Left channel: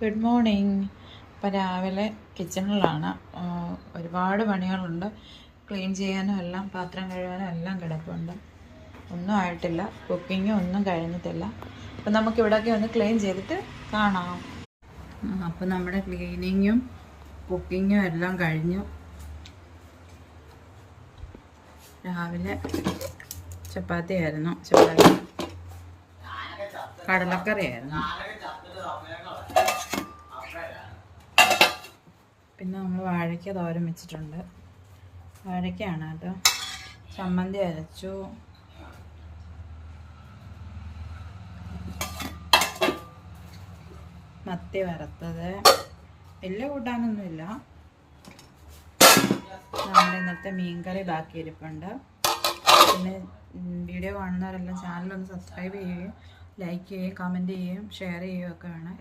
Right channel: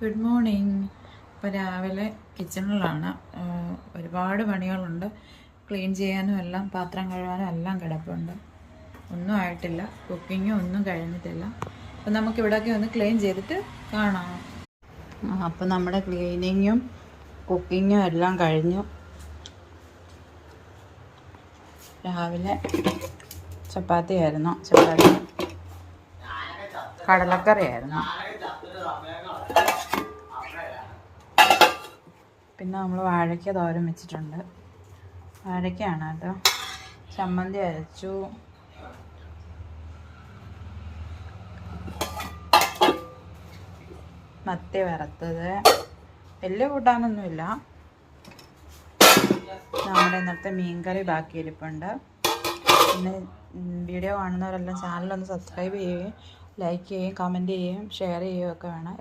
Good morning. ഇപ്പം രാവിലെ കിച്ചണിലാണ്. ഒരുപാട് പണികളുണ്ട്. ക്ലീൻ ചെയ്യാനും എല്ലാം, പാത്രം കഴുകാനും എല്ലാം കിടപ്പുണ്ട്. ഒന്നും ആയിട്ടില്ല. കുക്കിങ്ങും ഒന്നും കഴിഞ്ഞിട്ടില്ല. അപ്പം നമുക്കിവിടെയൊക്കെ ഒന്ന് ക്ലീൻ ചെയ്തിട്ട് കാണാം. അപ്പം നമ്മുടെ ക്ലീനിങ്ങും കുക്കിങ്ങും എല്ലാം കഴിഞ്ഞു. രാവിലെ ചപ്പാത്തി കടലക്കറിയായിരുന്നു. പിന്നെ നമ്മൾ വാഴയ്ക്ക തോരൻ വെച്ചിട്ടുണ്ട്. വാഴയ്ക്കാണ് കേട്ടോ. ചമ്മന്തി അരച്ചു. മത്തി വറുത്തത്. വലിയ കൂട്ടാനൊന്നുമില്ല. നമ്മുടെ ഇന്നത്തെ മീൻകറി ബാക്കി ഇരിപ്പുണ്ട്. പിന്നെ വീഡിയോ കാണുന്നവരെല്ലാം ചാനലൊന്ന് സബ്സ്ക്രൈബ് ചെയ്യുകയും ലൈക്ക് ചെയ്യുകയും കമൻറ്റ് ചെയ്യുകയും ഷെയർ ചെയ്യുകയും ഒക്കെ വേണം.